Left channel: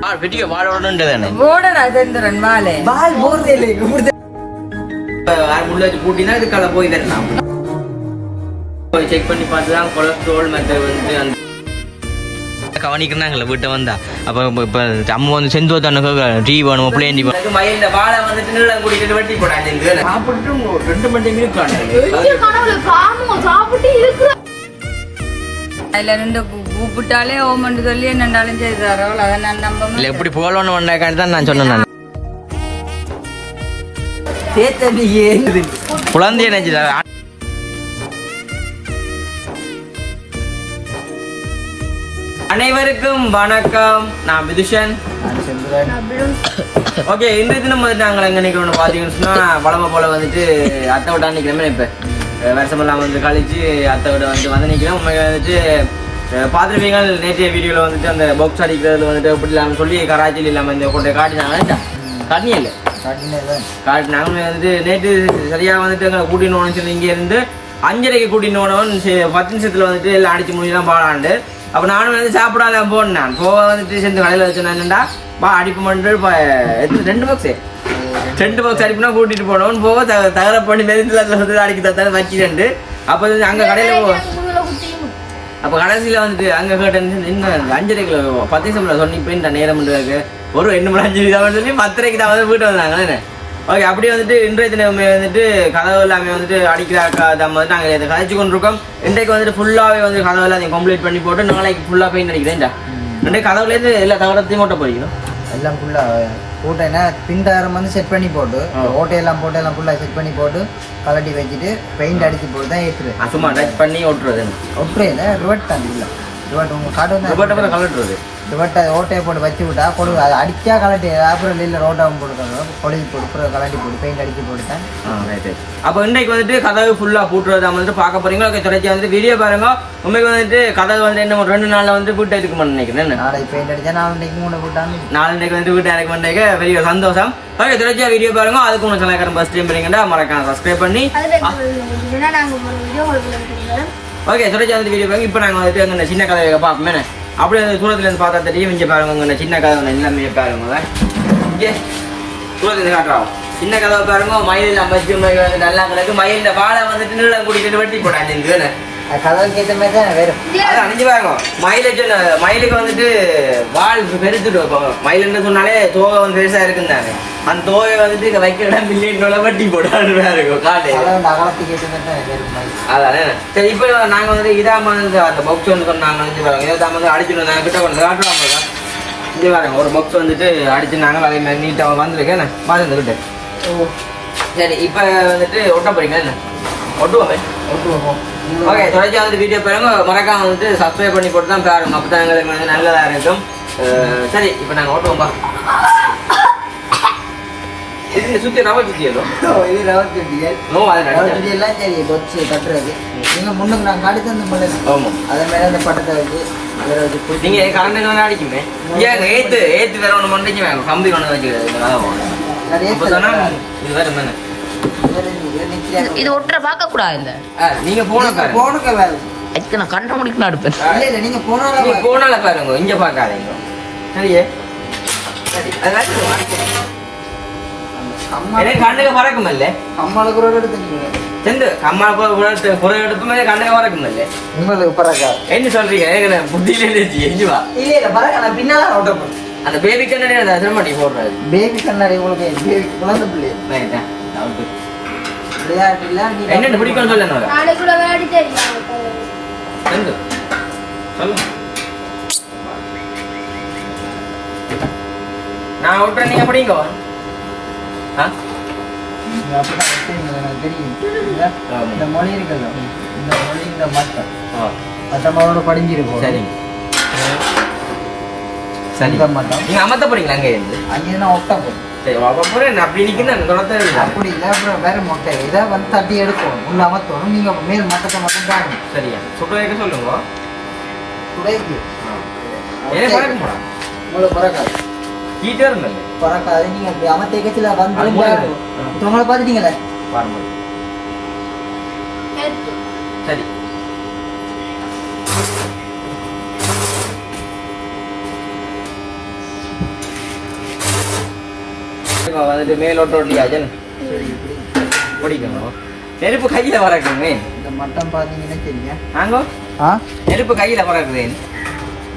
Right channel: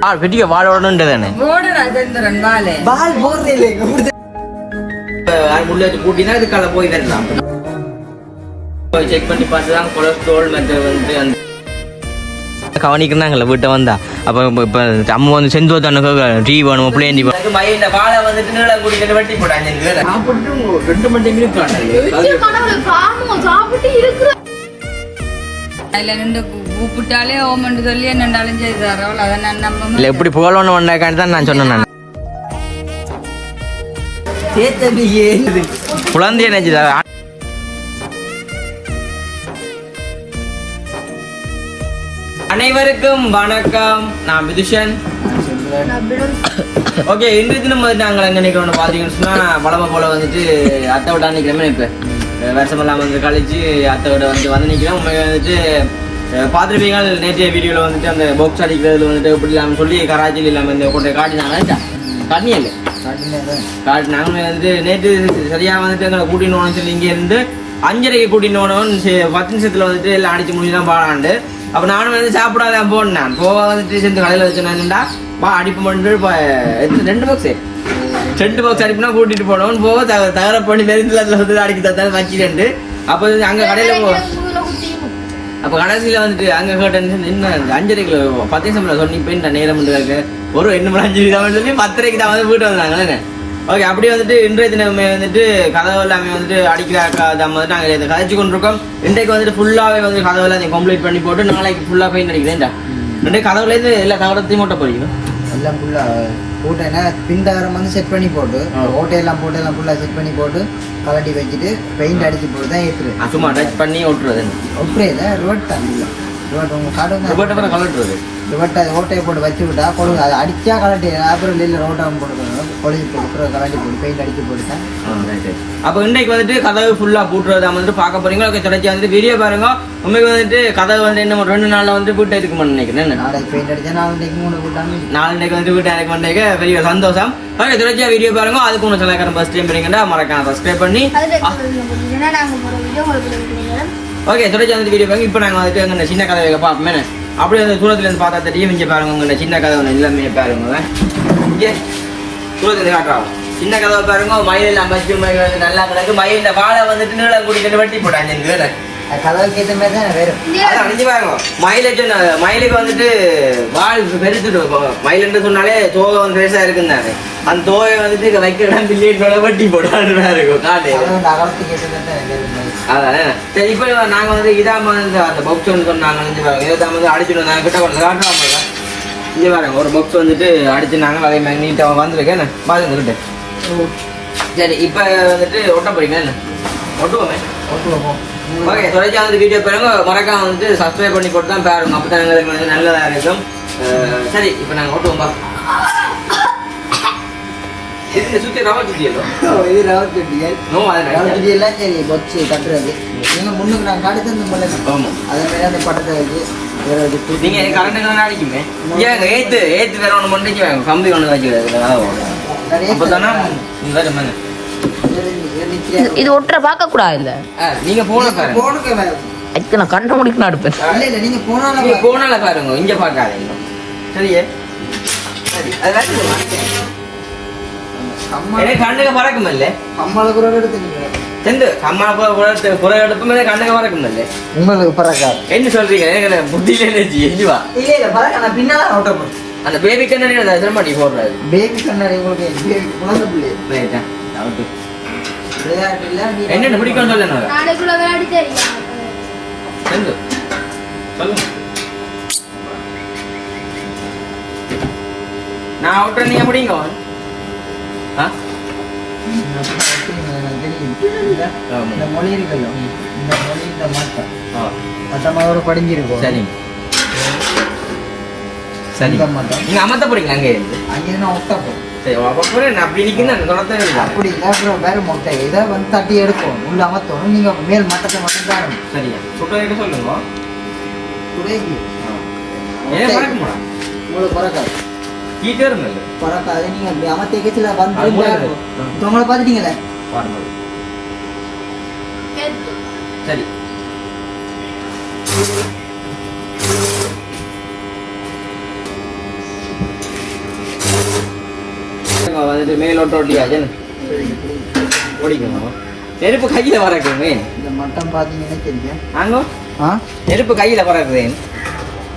ஆ பெரிய வாழோடன்ட்டு போடடா சந்திரன் வாழை பால் போடுறே இல்லை முள்ள வச்சு பூட்டினா இதுக்கால போய் வரலாம் செக் பண்ணி பார்த்து தான் கொலஸ்ட்ரால் வந்து அந்த கவனிக்கிறாங்களே வீட்டை வந்தா அப்போ இப்போ அம்மா வந்து செந்து தானே டீ வேணும் பிளேன் டீ வேணும் மயில் வாழை வந்துட்டு நீளம் குடிக்கிட்டு வெட்டி போட்டாங்க சாப்பிட்டு ரெண்டு மணி நேரம் சாப்பிட்டு இருக்கு அதுல ரெண்டு கூப்பிட்டாலே ஓமண்டு சொல்லி என்னண்டாலும் செய்தாரோ? அதை நான் நம்ப இல்லை. எப்படி போகலன்னு ஒன்றாக்காண்டி தான் நான் சொன்னேன் நான். குழந்தைய நினைச்சதா அனைவருக்கும் வணக்கம். நான் விதுஷன். ஓகே இன்றைக்கு தினம் வந்து நாங்கள் எங்கே நிற்கிறோம் பார்த்தீங்கன்னு சொன்னால் வளமை போல வந்துட்டு அத்தை விட்டா நிற்கிறோமே இப்போ. வருஷமெல்லாம் வந்து கழிச்சு அத்தை விட வந்து வந்து நிற்கிறோம். உண்மையாக வந்துட்டு பார்த்திருப்பீங்க. நேற்றைய வீடியோவில் வந்துட்டு அந்த பாக்ஸ் அடிக்கிறதுல வந்துட்டு இப்படி இல்லாமல் சொல்லி கராச்சியில் இல்லாமல் இந்த கொண்டு காட்டினாங்க. காட்டினே இல்லை? காட்டு நாங்கள் வந்துட்டு நேற்று சரியா வந்துட்டு எங்களை கூட்டினோன்னு சொல்லி இங்கே இருந்து அஞ்சரைக்கு கூட்டினோன்னு பத்து நிமிஷத்துல வந்துட்டு எல்லாம் அடிச்சு முடிச்சு தான் பாடாண்டு அப்போ நானும் வந்து சாப்பிடாத போனேன். போக வந்துட்டு சேர்ந்து கடையில் வச்சுனாங்கண்டா பா அடிப்பு மட்டும் இப்போ ரெண்டு பாக்ஸு ரெண்டு பாக்ஸ் அடிப்புனா கூட்டிட்டு போனோம்னு போக தகர பண்ணி மெரிந்தில் வந்து அடிக்க தத்தாலும் வச்சுட்டு அப்போ அங்கே கடையில் போ அப்போ கடைசியில் வந்துட்டு அங்கே கேட்டேன் என்ன அஞ்சரைக்கு பத்து நிமிஷம் சொன்னி இப்போ இந்த நேரம் இருக்கு. ஒரு ரெண்டு மணி அஞ்சு தான் சொல்லி பத்தரைக்கு தான் வந்து வீட்டு வந்தாங்க ஓகே அப்படியே வந்துட்டு இன்றைய தினமே வந்துட்டு கதவு எல்லாமே வந்துட்டு அடிக்கிற தான் வந்து நாங்கள் இதை கதைச்சு கொண்டிருக்கோம். இன்றைக்கு வந்துட்டு ஃபுல்லாகவே வந்து கதவு எல்லாம் கம்ப்ளீட் பண்ணி போட்டு நாளைக்கு ஃபுல்லாக பெயிண்ட் அடிக்கிறேன் இன்றைக்கு கதவுலேருந்து எல்லா தகரத்தையும் மூட்டை போய்க்கணும் எல்லாம் ஃபுல்லா போட்டேன்னா பின்டாரம் வந்து செட் பண்ணி போட்டு ஓட்டையெல்லாம் போட்டு எல்லாம் ஃபுல்லா செட் பண்ணி போட்டு கலட்டி வச்சுட்டு பெயிண்ட் அடிச்சு போட்டு தான் ஏத்துரு சும்மா டச் பண்ணி ஓட்டுறதுன்னு ஒப்பரையில ரிவர்ட் தான் இல்லை ரிவர்ட் உங்க கடை பார்த்து கலட்டுறது. ரிவர்ட்டை ஓட்டையை போட்டு வச்சு விட்டா கொழு அதை அடிச்சா கலட்டி. அப்புறம் இல்லை ரோட்டாவும் போட்டுக்கணும். கொழுவி போட்டு அப்புறம் கலட்டி போட்டு பெயிண்ட் அடிச்சு போட்டு தான் அப்போ இன்றைக்கு வந்துட்டு கதவு ஃபுல்லா பூட்டுறது வந்துட்டு பார்க்க போறீங்க ஓகே தொடர்ச்சி வந்துட்டு வீடியோ பாருங்க. உண்மைக்கு வந்துட்டு கதவு வந்து என்ன ரெண்டு நாள்ல வந்து வீட்டை இருக்குமான்னு நினைக்கிறேன்? என்ன? நாளைக்கு பெயிண்ட் அடிச்சா நாளைக்கு மூணு போட்டாம நாளைக்கு வந்து வீட்டை எனக்கு பண்ணேக்க பெரிய சந்தோஷம். ஓகே தொடர்ச்சியா வீடியோ பாருங்க. அதுக்கு ஒன்று சில ஃபர்ஸ்ட் டைம் பண்ணீங்கன்னா மறக்காம சப்ஸ்கிரைப் பண்ணி ஓகே தொடர்ச்சி அந்த வீடியோ பாருங்க. இப்போ நாங்கள் வந்துட்டு எங்கள் சின்ன கதையை பார்ப்போமே. அப்படியே அந்த தூரத்துல இருந்து பார்த்தா தெரியும். இங்கே பாருங்க உங்கள் சின்ன கதவை எல்லாமே பாருங்க. இங்கே தூரத்துல காட்டுறோம் சின்ன கதவை பாருங்க. மயில் அமைச்சு மயில் வந்து நல்லா கிடக்கு மயில் வாழை வந்துட்டு நீளம் கொடுத்துட்டு வெட்டி போட்டாங்க இந்த வேலை கதவுக்கு ஏற்ற மாதிரி தான் வேறு அது அணிஞ்சு பாருங்க மயிலுக்கு மயிலுக்கு வந்துட்டு வால் பெருத்துட்டு மயிலுன்னு சொன்னாலே தோகை வந்து பெருசா இருக்குந்தாரு அந்த தோகை வந்துட்டு இங்க வைக்க இடம் பில்லின்னு வெட்டி போடான்னு இருக்கும் காட்டு. வந்து அதானே சரி இப்போ நாங்க வந்து இதாம வந்து அந்த பாக்ஸ் ஒன்று சொன்னாங்க வந்து இதாம வந்து அடிச்சுட்டு நாங்க கிட்ட கொண்டு காட்டுறோம் இங்க பாருங்க ஒரு பாக்ஸ் வந்துட்டு அடிச்சுனாங்க அதே மாதிரி நீட்டாக வந்திருக்கேன் பாருங்க கிட்ட. சரி இப்போ வந்துட்டு ஒட்ட போறீங்க என்ன? ஒட்டுவோமே. ஒட்டு வைப்போம் ஓகே தொடர்ச்சி வந்து வீடியோ பாருங்க. மறக்காம வந்துட்டு சப்ஸ்கிரைப் பண்ணி போட்டு தான் பாருங்க. அப்போ தான் எங்களுக்கு வந்து நல்லதா இருக்கும். சரி இப்போ நாங்கள் ஓட்டுவோம்பா இது நம்ம சுற்றி ஏதோ இது நோ அது சரி பொச்சு கட்டுறது. நீங்க முன்னுக்கு நாங்கள் கடித்து வந்து முன்னுக்கு. ஆமாம். அதே மாதிரி அந்த பட்டத்தை வச்சு வேற வச்சு நீங்க கரண்ட் தான் அடிக்குமே? ஏங்க ஏத்து ஏத்து வேற ஒண்ணு பண்ணிச்சு வேங்க. கம்பி ஒண்ணு வச்சுக்கிறது நீங்க வேற பண்ணு. இது ஒட்டுற பார்க்க கூடாது ஆ, நீங்க போன பாருங்க. போனுக்க அதுக்கு நான் கண்ண இல்ல இல்ல நீங்க போனால நீங்க போனால பாருங்க இங்க பாக்காதீங்க சரியே? சரி அதான் இல்ல இல்ல உங்களுக்கு பரவாயில்ல என்ன சொல்றீங்க? எனக்கு புத்தியில இல்ல இல்ல நான் பின்னால அந்த பேபி அந்த சிரமட்டி போடுறாரு பேபி கண்ணாடி உங்களுக்கு பேபி குழந்தை பிள்ளை. ரைட்டா என்னென்ன பிடிக்கும் சொல்லு நான் ஓட்டுறேன் நீங்க முடியுங்க. இந்த மொழி இருக்குல்ல இந்த மொழி இந்த மட்டம் ஆ. மட்டமாவோட படிஞ்சிருக்கும் சரிங்க சரி. மட்டம் நீங்க அமர்த்த போறீங்களா அங்கே? இருந்து அங்கே நான் ஒட்ட போறேன். சரி அப்படி இல்லை அப்படி இல்ல. அப்புறம் வேற மொட்டை. இதை வந்து தட்டி எடுக்கும் உள்ள அமர்த்தணும். நீங்க மேல் மட்டத்தை மட்டும் தான் சரியா. சுடுறதுக்கு சொல்லுங்க. துடைக்கு. ஏன் பறக்குமாடா உங்களுக்கு பறக்காது. அப்படி அமர்த்த கட்சியில வந்து இருக்கு. உங்களை பாருங்க சரி பாருங்க வந்துட்டு மேல் ஒட்டு ஒட்டியாச்சு ஓடிக்கணும். நெருப்பு கையில பறக்குமே இந்த மட்டம் பார்த்தீங்கன்னா தெரியும். நாங்க ஆ? நெருப்பு கையில பறக்குதேன்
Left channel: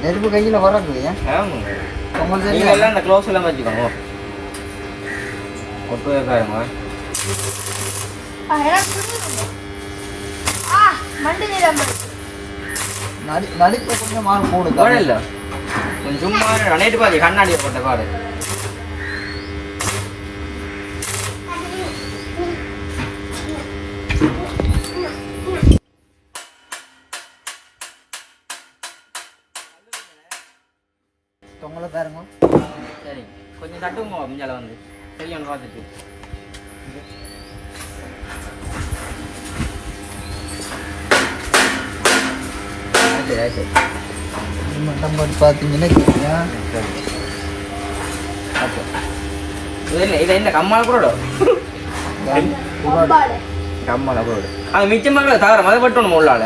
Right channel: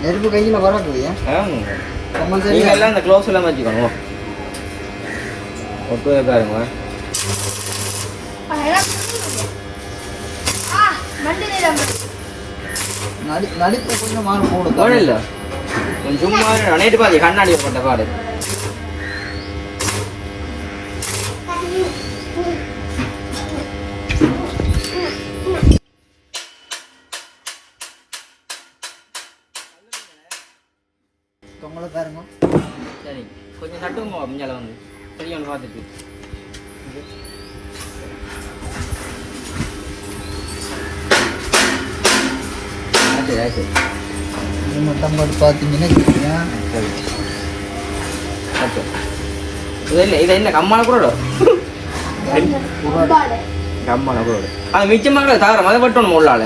நெருப்பு கையில் வரக்குது ஆமாங்க. உங்களுக்கு நீங்க எல்லாம் இந்த க்ளோஸ் எல்லாம் வச்சுக்கணும் ஒட்டு வைக்காருங்க ஆ, எனக்கு தெரியும். ஆ, மண்டி நேரம் நடி நடிப்பை கொஞ்சம் மாறு போடு. இல்ல கொஞ்சம் சும்மா நேற்று பாதி கண்ணாடியை போட்ட பாடு. முஞ்சால வந்து. சரி ஒன்று பார்த்துட்டு. மட்டம் பாட்டு பார்த்தீங்கன்னா இது என்ன இது என்ன கம்மால கூட கம்மால கூட அது மிச்சமாக தகரம் அதை பட்டணும் உள்ளால.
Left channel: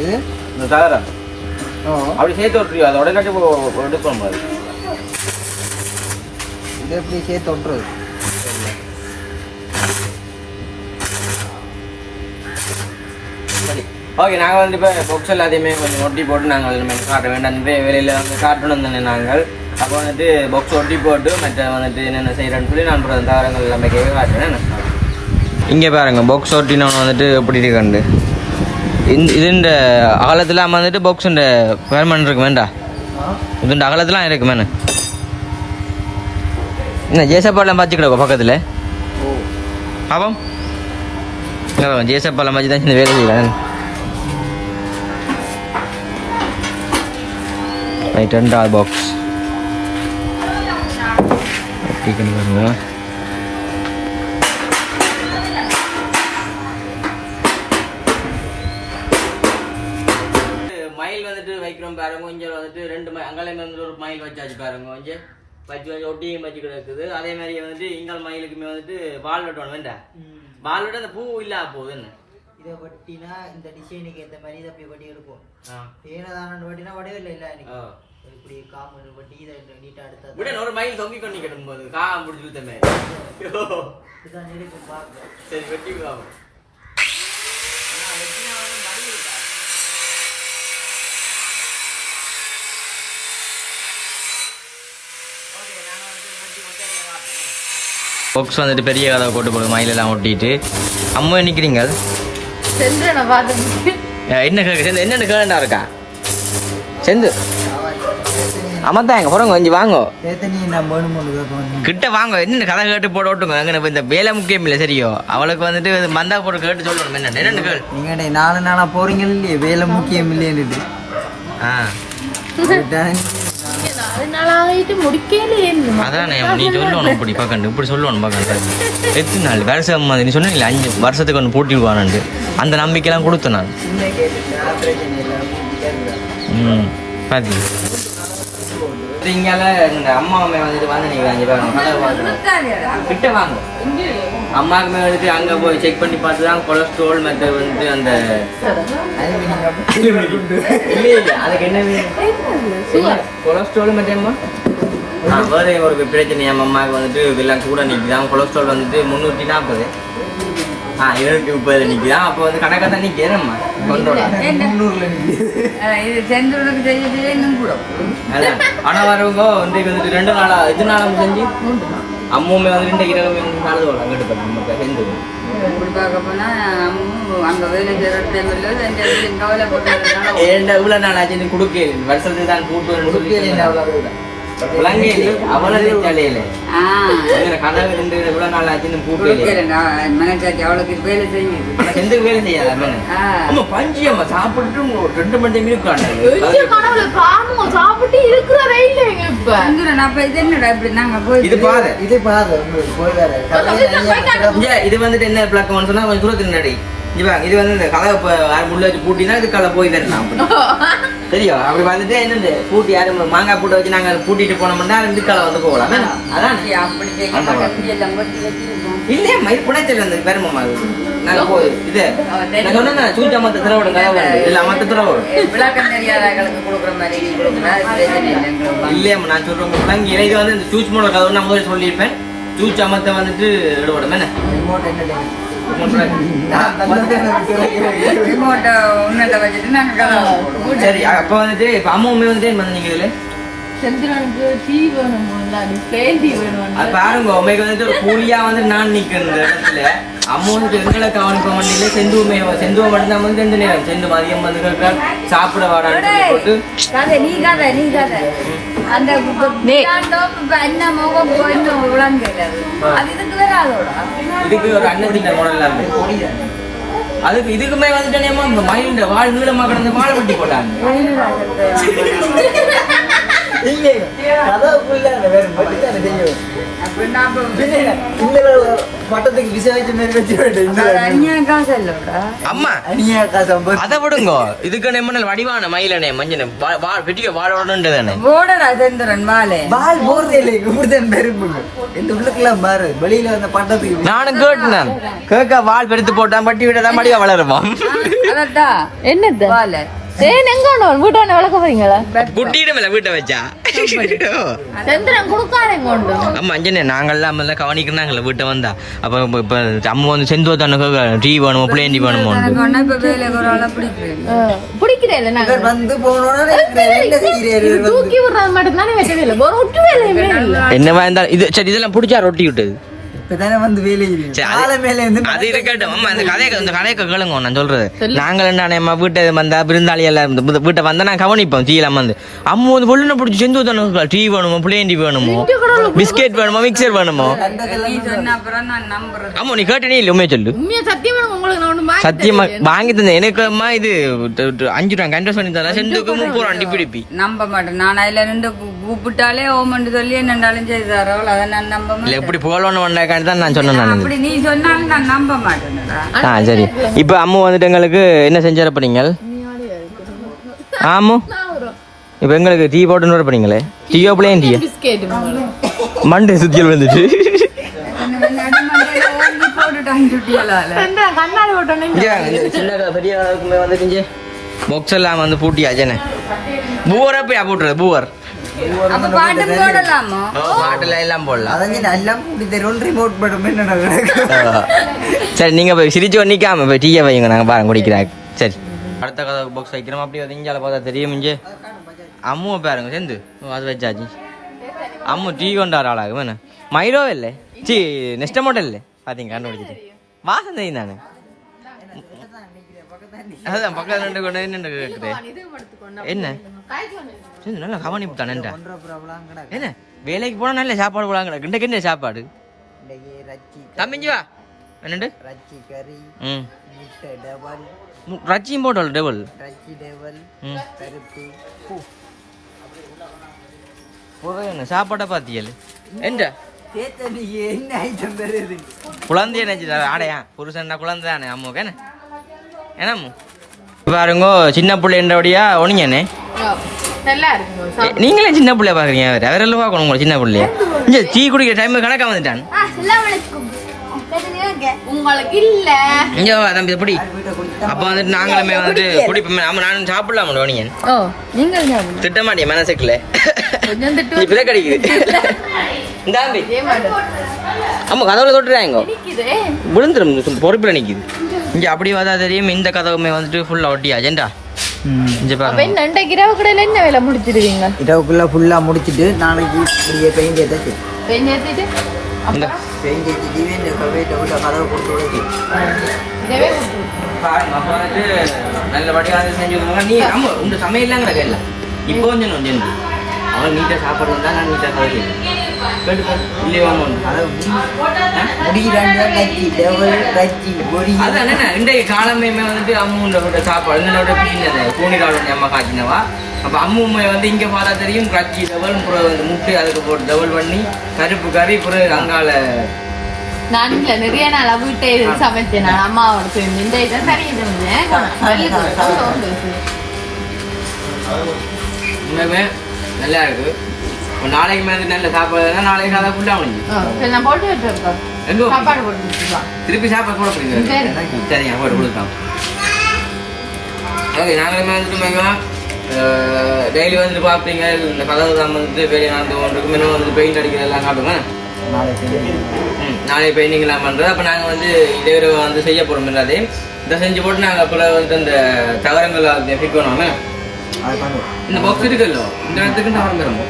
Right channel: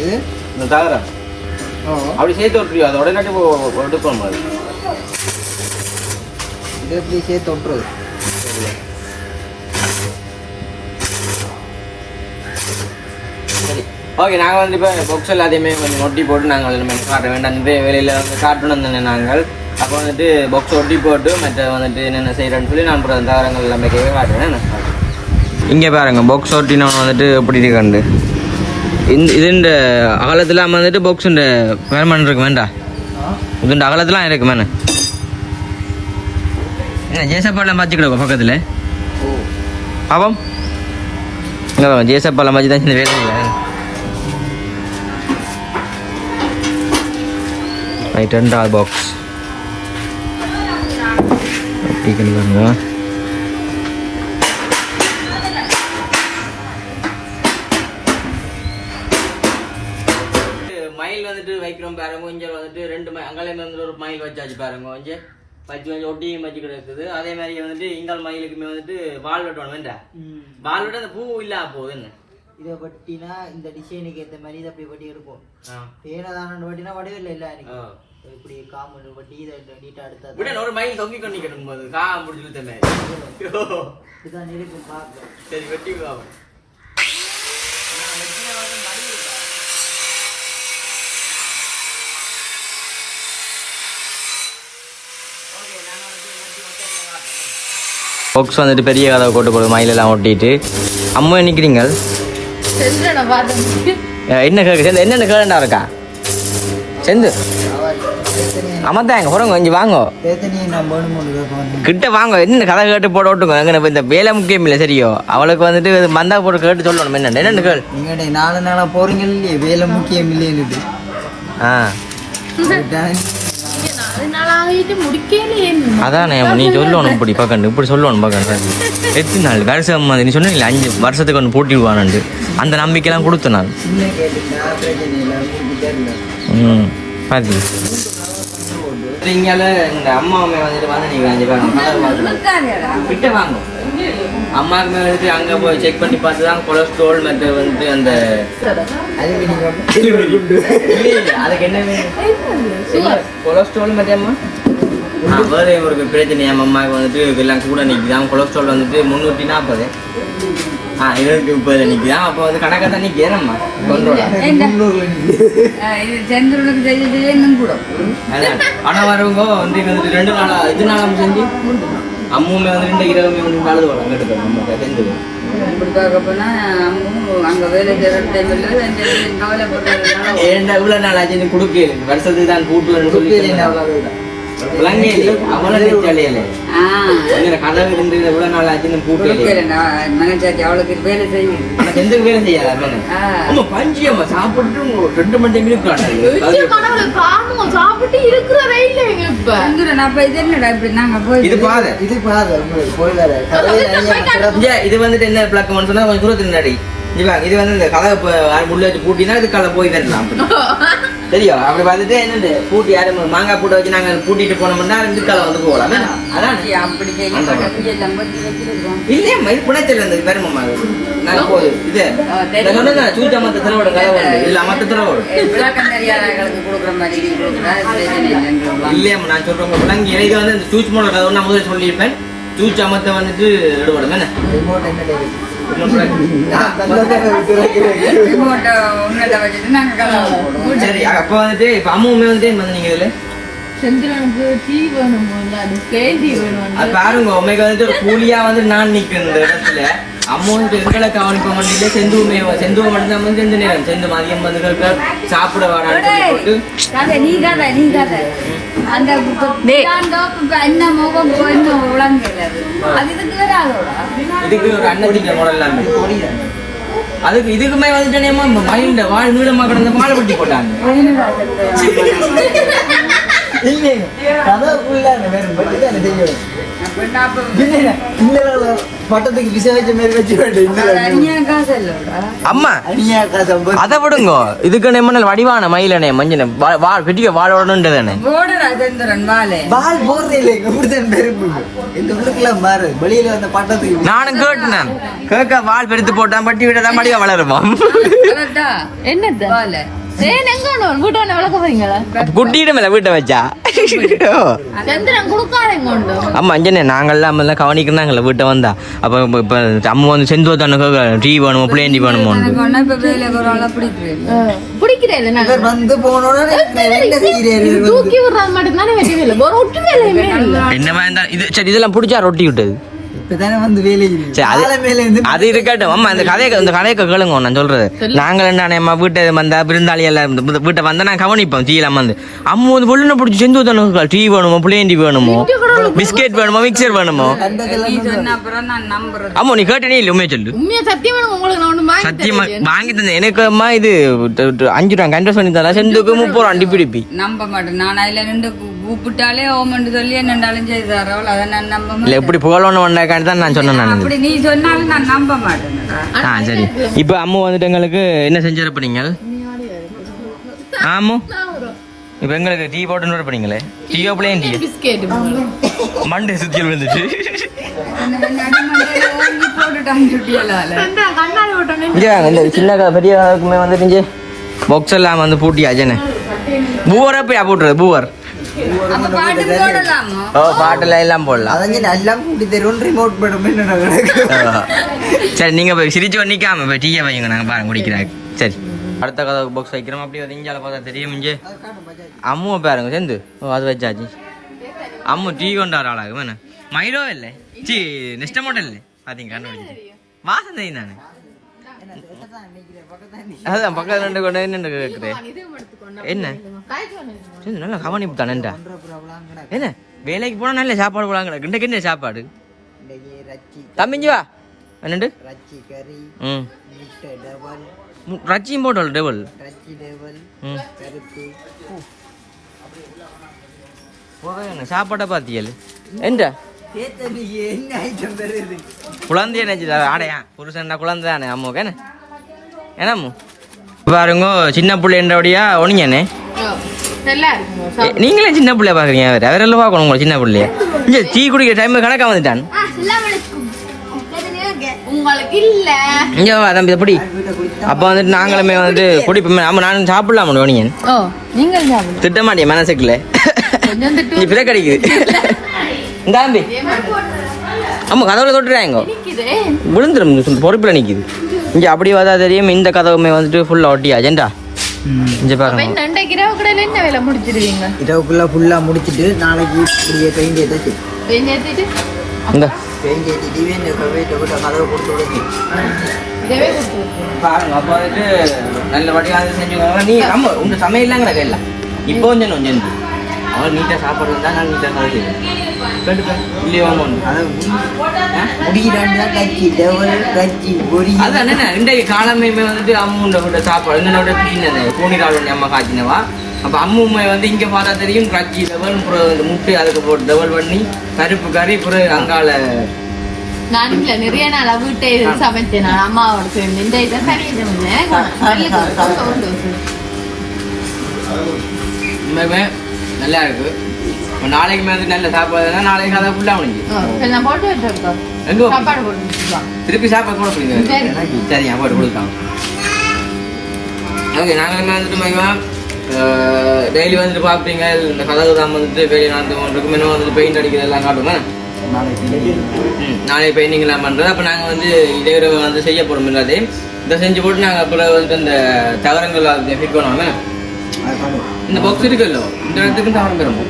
இது? இந்த தகரம். அப்படி சேர்த்து விட்டுருவியோ அதை உடனே எடுக்கணும் அது இது எப்படி சேர்த்து ஒட்டுறது? சரி. ஓகே நாங்கள் வந்து இப்போ புக்ஸ் எல்லாத்தையுமே கொஞ்சம் ஒட்டி போட்டு நாங்கள் அதில் மெனு காட்ட வேண்டாம். நிறைய வேலையில் வந்து காட்டணும் தானே நாங்கள். அப்போ வந்துட்டு பாக்ஸ் ஒட்டி போட்டு மற்ற வந்துட்டு என்னென்ன செய்கிறேன்னு சொல்லி நான் அப்புறம் தகரங்கள் எல்லாமே கேட்க காட்டுறேன். இங்கே பாருங்க பாக்ஸ் ஒட்டினவன் வந்துட்டு எப்படி இருக்காண்டு இந்த இது இந்த அகலத்தில் வந்துட்டு பாக்ஸ் இந்த பேர்மன் இருக்கு வேண்டா இந்த அகலத்துலாம் இருக்கு மேனு என்ன ஜேசப்பாலாம் பார்த்துக்கிடுவோம் பக்கத்தில். பாப்போம் இங்கே ஜேசப்பாலாம் பார்த்து தான் இந்த வேலை இல்லை ரைட் ரெண்டாவது பாக்ஸ் அப்படி பாருங்க. மயில் வந்துட்டு வைக்கிறோம் பாருங்க கொஞ்சம் வந்துட்டு ரெண்டு மை அங்காலையும் வந்து ஒரு மயில் வச்சாச்சு பாருங்க கொஞ்சம் வச்சு வச்சு ஒட்டியும் வச்சு கிடக்குது. அதே மாதிரி வந்துட்டு இங்கால் மயிலுக்குமே வந்துட்டு வால் வெட்டணும் வேண்டாம் வால் வெட்ட அந்த பூ இல்லாம போகுது என்ன? இதை பட்டினா இந்த டிசைனுக்கு ஏற்ற மாதிரி இதை அப்படி வட்டி எடுக்கும் ஆ. ஏனதான வட்டினா வடிவில் இல்லை எனக்கு. இப்படி காமன் வட்டி இதை நீட்டாக எடுத்தா விட ஒரு மயில் தொங்கி கொண்டு கிடக்கும் போது கா மாதிரி. இதுதான் இருக்கும் பார்க்க சரி வெட்டி விடுவாங்க பாக்ஸ் வந்துட்டு பெரிய கதவை போட்டு போடு மயிலெல்லாம் ஒட்டிட்டு. அம்மா நிற்கிறீங்க என்ன கேக்கு? செந்து என்னென்ன கேளுண்டா இருக்கா? செந்து. அமர்த்தாங்க போறங்க கொஞ்சம் வாங்க. கிட்ட வாங்க என்ன கதை கேட்டு போட விட்டுங்க எங்க இந்த வேலை முக்கியம் இல்லை சரியோ? அவளுக்கு வந்துட்டு மண்டா போட்டு கேட்டு சொல்லணும் என்ன என்னன்னு கேள்? நீங்க நாலு நாளா போறீங்க இல்லையே வேலை முக்கியம் இல்லைன்னுட்டு ஆ. அதானே நீ சொல்லணும் இப்படி பார்க்கணும் இப்படி சொல்லணும் பார்க்கணும். எத்தனை நாள் வருஷம் மாதிரி. நீ சொன்னீங்களா அஞ்சு வருஷத்துக்கு ஒன்று போட்டி விடுவானு அந்த நம்பிக்கைலாம் கொடுத்த நான் ம் பாதி இங்கால இந்த அம்மா அம்மா வந்துட்டு வாங்க நீங்க அஞ்சு பேரும் கிட்ட வாங்க. அம்மாவுக்கு வந்துட்டு அங்க போய் செக் பண்ணி பார்த்து தான் கொலஸ்ட்ரால் மற்ற வந்துட்டு அந்த அதுக்கு நீங்க அப்படி இல்ல இல்ல அதுக்கு என்ன கொலஸ்ட்ரால் மத்தியம்மா வேற ஒரு பிரச்சனை. என் அம்மாவுக்கு வந்துட்டு இதெல்லாம் கூட நிற்குதான் கொலஸ்ட்ரால் வந்துட்டு முந்நூற்றி நாற்பது ஆ இருநூற்றி முப்பது நிற்குதான் அப்போ வந்து கணக்காக தான். இது செந்தூருக்கு செய்யறதுல இன்னும் கூட. அதான். வரவங்க வந்து வந்துட்டு ரெண்டு நாளா எது நாளா செஞ்சு? அம்முமே வந்து ரெண்டு இருபது மூணு நாள் வரும். அங்கிட்டு நம்ம சேர்ந்து வருஷத்துக்கு தான் கூட்டு ரெண்டு மணி இது வந்துட்டு என்ன பிளக்கம்னு சொன்னா கொஞ்சம் தூரத்துக்கு முன்னாடி இது வந்து இந்த கதவை இப்ப உள்ள வச்சு பூட்டினா இது கலை போய் வரலாம். தெரியும் அப்படி பார்த்துட்டு என்னது? பூட்டி யாரும் மாங்காய் பூட்டை வச்சு நாங்க பூட்டிட்டு போனோம்னா இந்த கலை வந்து போகலாம். அதான்? அப்படி செய்யப்பட்ட குடியெல்லாம் பத்தி வச்சிருக்கோம் இல்லையா? மயில் புனத்தில் இருந்தது பெருமம்மா அது. நாங்க போகுது இது. நான் திரவோட உண்டு. இல்ல மத்த திரவோடு விளக்கம் தெரியாதவர்களுக்கு கொடுக்குற மாதிரி நீ கொடுக்கணும். அது பிரச்சனை இல்லைன்றோம். இல்லையா நான் சொல்றேன் உங்களுக்கு இது வந்து இந்த சூச் மூலம் கதவு நான் முதல்ல சொல்லியிருப்பேன். சூச்சு அமர்த்த வந்துட்டு ஈடுபடும் என்ன? அப்போ வந்துட்டு இப்போ அம்மா உண்மை வந்துட்டு என்ன சந்திரனுக்கு டீ வேணும் அது வேணும் பாருங்க உண்மைக்கு வந்துட்டு ஒரு கூலியா வந்து நான் நிக்கிறேன் இந்த இடத்துல. அம்மா வந்து எங்களை கவனிப்ப வண்டியில செந்து உண்மை செந்துவ மட்டும் தான் வந்து செந்து நேரம் செந்து மதியம் வந்து சாப்பிட வாடான்னு சொல்லி போட்டு. நீ கதை நீ கதை. அந்த என்ன முகம் விளங்கல அது? இதுக்கு வேற அதோட இதுக்கு ஒரு அதுக்கு இதுக்குமே வந்துட்டு நேமா மயிலிண்ட வாழ் நீளமா கிடந்த வாழை வெட்டி போட்டாங்க. இல்லை அந்த தான் செய்யணும் பட்டத்துக்கு விசாரிச்ச மாதிரி வச்சு அம்மா அதை விடுங்க. இதுக்கு என்ன வடிவான மயிலனே மஞ்சனே. வாழ் வெட்டிக்க போடடா செந்திரன் வாலே. பால் போடுறே இல்லை இப்படிதான் பெரும்புங்க. இந்த உள்ளுக்குலாம் பாரு வெளியில இருந்த பட்டத்துக்கு நானும் கேட்டேன். கேட்க வால் பெருத்து போட்டான் பட்டி விட்டதான் மடியா வளருவான். என்னது? வாலே. ஏன் எங்க ஒண்ணு போறீங்களா வீட்டை வச்சா. சந்திரன் கொடுக்காதேங்க கொண்டு ஆமா அஞ்சனே நாங்கெல்லாம் எல்லாம் கவனிக்கிறாங்கல்ல வீட்டை வந்தா. அப்ப இப்ப- அம்மா வந்து செந்து தானே டீ வேணுமோ பிளேன் டீ வேணுமோ? எனக்கு ஒன்னா இப்ப வேலைக்கு ஒரு ஆளை பிடிக்கிறேன் பிடிக்கிறே இல்ல நாங்க? இவர் வந்து போனோட என்ன செய்யறாரு தூக்கி விடுறது மட்டும் தானே வெட்டவே இல்லை ஒரு ஒட்டு வேலையுமே இல்ல. என்னவா இருந்தா இது சரி இதெல்லாம் பிடிச்சா ரொட்டி விட்டது இப்பதானே வந்து அது- இருக்கட்டும். இந்த கதையை இந்த கதையை கேளுங்க நான் சொல்றது. நாங்கள் என்ன அம்மா வீட்டை வந்தா விருந்தாளி எல்லாம் வீட்டை வந்தா நான் கவனிப்போம் டீ எல்லாம் வந்து. அம்மா வந்து பொண்ணு பிடிச்சி செந்து தானே டீ வேணுமோ பிளேன் டீ வேணுமோ பிஸ்கெட் வேணுமோ மிக்சர் வேணுமோ? அம்மா நீ கேட்டனே இல்லை உண்மையை சொல்லு. சத்தியமா உங்களுக்கு நான் ஒண்ணு வாங்கி தந்தேன். எனக்கு அம்மா இது அஞ்சு ரூபா கண்டஸ் பண்ணி தரேன் செந்துக்கு முப்பது ரூபா அண்டி பிடிப்பி நம்ப மாட்டேன். நான் அதுல நின்று கூ- கூப்பிட்டாலே ஓமண்டு சொல்லி என்னண்டாலும் செய்தாரோல் அதை நான் நம்ப இல்ல எப்படி புகழணும் வந்தாக்காண்டி தான் நான் சொன்னேன் நான். அப்படி நீ சொன்னாலும் நான் நம்ப மாட்டேன்டா. ஆ சரி. இப்போ அம்மா வந்துட்டு எங்களுக்கு என்ன செஞ்சு வரப்பீங்க ஆமு இப்போ எங்களுக்கு டீ போட்டுன்னு வரப்பீங்களே டீயோ பிளேன் டீ. மண்டை சுத்தி விழுந்துட்டு நடுமண்டையில ஓங்கி போட்டுட்டான் சுட்டியலால கண்ணாடி விட்டோன்னே இங்க. இந்த சின்ன பெரிய வந்துட்டு வந்து பூட்டி அஜனே பூவரா போய் போட்டுறது பூவர். அப்ப பாட்டு போடலாமோ ஓ பாட்டுல எல்லாம் போடலாம் அதங்க எல்லாம் கூட்டி தருவோம் ரிமோட் படம் என்ன கிடக்கு ஆ. சரி நீங்க போய் சிரிச்சு நிக்காம போய் டீயை வைங்க நாங்க பாருங்க குடிக்கிறாங்க சரி அடுத்த கதை பாக்ஸ் வைக்கிறோம் அப்படி வந்து இஞ்சால பார்த்தா தெரியும் இங்கே அம்முவை பாருங்க சேர்ந்து அது வச்சாச்சு அம்மு டீ கொண்டாடுற ஆளாகும் என்ன சி நெக்ஸ்ட் மாடல் இல்லை பாத்தீங்க கண்டுபிடிச்சிட்டு வாசம் தெரியும் நானு அதான் பக்கத்துல ரெண்டு கொண்டு நின்று சரி, நல்லா கவனிப்பு தானேண்டா என்ன? வேலைக்கு போனா நல்ல சாப்பாடு போடாங்க இன்றைக்கு என்ன சாப்பாடு? ரச்சி தம்பிஞ்சு வா. என்னண்டு? ரச்சி கறி ம். முட்டை டபல் ரச்சியும் போட்டோம் டேபிள் ரச்சி டபல் ம். பருப்பு. போதும் சாப்பாட்டை பார்த்தீங்கல் என்ன குழந்தைய நினைச்சு ஆடையா புருஷன்டா குழந்தை தானே அம்முக்கு என்ன? என்ன அம்மு பாருங்க சின்ன பிள்ளைன்றபடியா ஒனிங்கண்ணே நீங்களே சின்ன பிள்ளைய பாக்குறீங்க அவர் அவரெல்லாம் பார்க்கணும் உங்களை சின்ன பிள்ளைய. இந்த டீ குடிக்கிற டைம் கணக்கா வந்துட்டான். உங்களுக்கு இல்ல. இங்க வா தம்பி எப்படி அப்ப வந்துட்டு நாங்களுமே வந்துட்டு குடிப்போமே. ஆமா நானும் சாப்பிடலாம் ஒனிங்க ஓ நீங்கள் சாப்பிடலாம். திட்ட மாட்டேன் மனசுக்குள்ள? கொஞ்சம் திட்டு ஆமா கதவுல தொட்டுறாங்க. நிக்குது விழுந்துரும் பொறுப்புல நிக்குது. இங்க அப்படியே பார்த்தா தெரியும் இந்த கதவுமே வந்துட்டு ஃபுல்லா இங்க பாருங்க. முடிச்சிருவீங்க? இரவுக்குள்ள ஃபுல்லா முடிச்சிட்டு நாளைக்கு இப்படியே பெயிண்ட் ஏத்திட்டு இந்த. பெயிண்ட் ஏற்றிட்டு இந்த கதவை கொடுத்து விடுச்சு. பாருங்க அப்ப வந்துட்டு நல்லபடியா வந்து செஞ்சு நீ ஆமா உங்க சமையல்லாம் கிடக்க இல்ல? இப்போ கொஞ்சம் கொஞ்சம் அவன் நீட்டா சாப்பாடு வந்தா நான் நீட்டா சாப்பிட செய்வேன். கேட்டுப்பேன் இல்லையோ அமௌண்ட் அதை முடிக்கிறாண்டு தான் ரச்சி டபல் ரச்சி பொரி அதான் என்ன இன்றைய காலமே வந்துட்டு அம்முண்ட விட்ட சாப்பாடு. எங்களோட பிசின் அந்த பூனிகால் ஒன்று அம்மா காய்ச்சினவா அப்போ அம்முமை வந்து இங்கே பார்த்தா தெரியும். முட்டை அதுக்கு போட்டு டபல் பண்ணி கருப்பு கறி அப்புறம் அங்கால நான் நிறைய நாள் வீட்டை சமைத்தேன் அம்மாவோட சேர்ந்து இந்த இதை தனியாக நல்லா இருக்கு. நாளைக்கு மேலே நல்ல சாப்பாடு தான் நாளைக்கு அதை ஃபுல்லாக முடிஞ்சு போட்டு விட்டுருக்கோம் எங்கே சாப்பாடு போட்டு திருப்பி சாப்பாடு கூட சரி. போடுங்க சரிங்க போட்டு கொடுக்கலாம் ஓகே நாங்களுமே வந்துட்டு மையம் டெய்லி வந்துட்டு பார்ப்பீங்க இந்த கதவு தான் வந்துட்டு பெரிய நடந்து இருக்கும் இன்னும் வந்துட்டு பெயிண்ட் அடிக்கிறது எல்லாம் காட்டுங்க நாளைக்கு பெயிண்டிங்லாம் பண்ணுறது அப்போ நாங்கள் வந்து இதே வந்து செய்ய போகிறோம் இல்லாதே இதை செஞ்சு போட்டு நாங்கள் அப்புறம் வந்து இந்த தகரங்கள் ஃபிட் பண்ணுவோமே இந்த பாக்ஸ் இருக்குல்ல இந்த இடத்துக்கு தகரம் பெறுமோ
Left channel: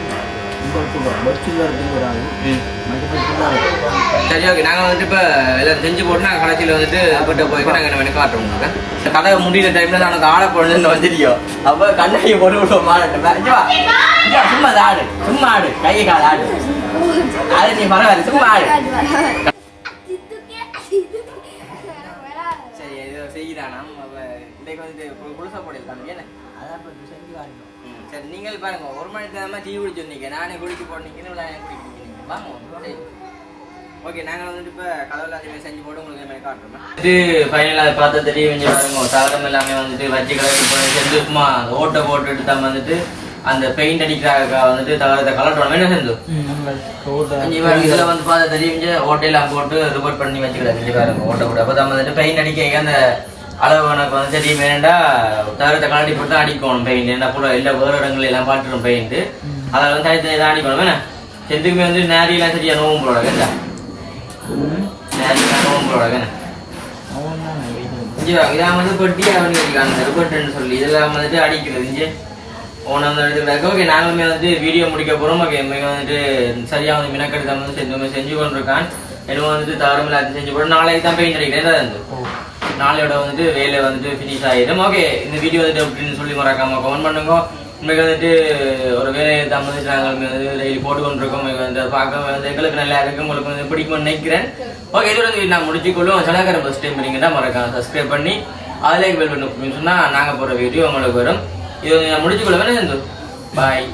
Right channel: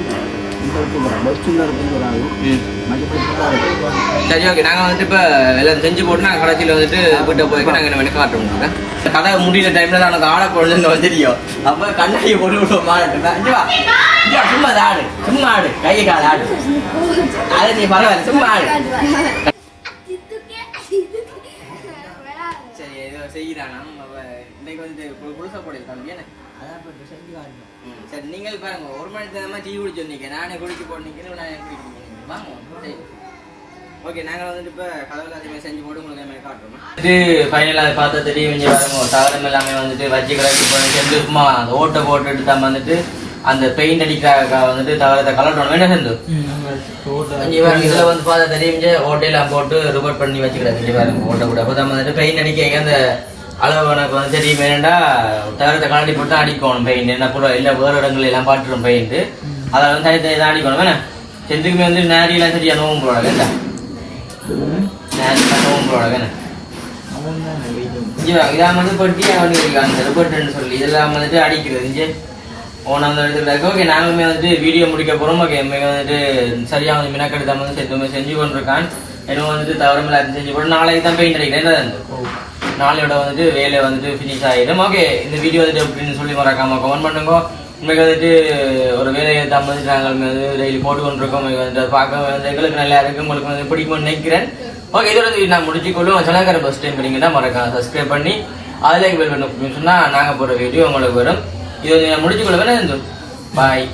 சரி ஓகே. நாங்கள் வந்துட்டு இப்போ எல்லாம் செஞ்சு போட்டு நாங்கள் கடைசியில் வந்துட்டு வீட்டை போய் நாங்கள் என்ன காட்டுறோம் உங்களுக்கு? கதை முடியிற டைமில் எனக்கு ஆட போடுறதுன்னு வந்து தெரியும் அப்போ கண்ணாடி போட்டு விடுவோம் சும்மா ஆடு. சும்மா ஆடு. கை கால் ஆடு. அதை நீ பரவாயில்ல. சும்மா ஆடு. சரி ஏதோ செய்கிறானா அப்போ இன்றைக்கு வந்து குளிசா போடுது தம்பி என்ன? சரி நீங்கள் பாருங்க ஒரு மணி நேரமா டீ குடிச்சு வந்தீங்க. நானே குடிச்சு போட்டீங்கன்னு நானே நீங்க வாங்க சரி. ஓகே நாங்கள் வந்துட்டு இப்போ கதவுல அதிகமாக செஞ்சு போட்டு உங்களுக்கு மாதிரி காட்டுறோம்? இது ஃபைனலாக அதை பார்த்தா தெரிய வேண்டிய பாருங்க சாதனம் எல்லாமே வந்துட்டு வச்சு கலக்கி போய் சும்மா அந்த ஓட்டை போட்டுட்டு தான் வந்துட்டு அந்த பெயிண்ட் அடிக்கிறாக வந்துட்டு தகரத்தை கலட்டணும் என்ன செஞ்சு? இதுல வந்து பார்த்தா தெரியுங்க ஓட்டையெல்லாம் போட்டு ரிப்போர்ட் பண்ணி வச்சுக்கிறாங்க பாருங்க ஓட்டை கூட அப்போ தான் வந்துட்டு பெயிண்ட் அடிக்க அந்த அளவு கணக்கு வந்து தெரியும் வேண்டா தகரத்தை கலட்டி போட்டு அடிக்கணும் பெயிண்ட் என்ன போல எல்லா வேறு இடங்கள் எல்லாம் பாட்டுரும் பெயிண்ட் அதை வந்து தனித்தனி தான் அடிக்கணும். வேணா செந்துக்குமே வந்து நேரியெல்லாம் சரியா நோவும் போட கேட்டா நேரியெல்லாம் கேன இங்கே இதான் வந்து பெட்டி அந்த ரிப்போர்ட்னு சொல்லி இதெல்லாம் வந்துட்டு அடிக்கிறது இங்கே. ஓன் அந்த இடத்துக்கு ஓகே நாங்களுமே வந்துட்டு வீடியோ முடிக்க போகிறோம் ஓகே மிக வந்துட்டு சரியாக வந்து மினக்கெடுத்து தான் வந்து செஞ்சு செஞ்சு கொண்டிருக்கான். என்ன வந்துட்டு தவறுமில்ல அது செஞ்சு போட்டு நாளைக்கு தான் பெயிண்ட் அடிக்கிறேன். நாளையோட வந்துட்டு வேலை வந்துட்டு ஃபினிஷ் ஆகிடும் ஓகே இந்த வீடியோ வந்துட்டு அப்படின்னு சொல்லி மறக்காம கமெண்ட் பண்ணுங்க. உங்களுக்கு வந்துட்டு ஒரு வேலையை தான் நாங்கள் டெய்லி போட்டு கொண்டிருக்கோம் வந்து அதை பார்க்க வந்து எங்களுக்கு நல்லா இருக்கு உங்களுக்கு வந்து பிடிக்கும்னு நினைக்கிறேன். ஓகே இதோட வந்து நான் முடிச்சுக்கொள்ளும் சொன்னாக்கிற ஃபஸ்ட் டைம் பண்ணீங்கன்னா மறக்காம சப்ஸ்கிரைப் பண்ணி அதிலே பெல் பண்ண சொன்னால் நாங்கள் போகிற வீடியோ உங்களுக்கு வரும். இது நான் முடிச்சுக்கொள்ள வேணா பாய்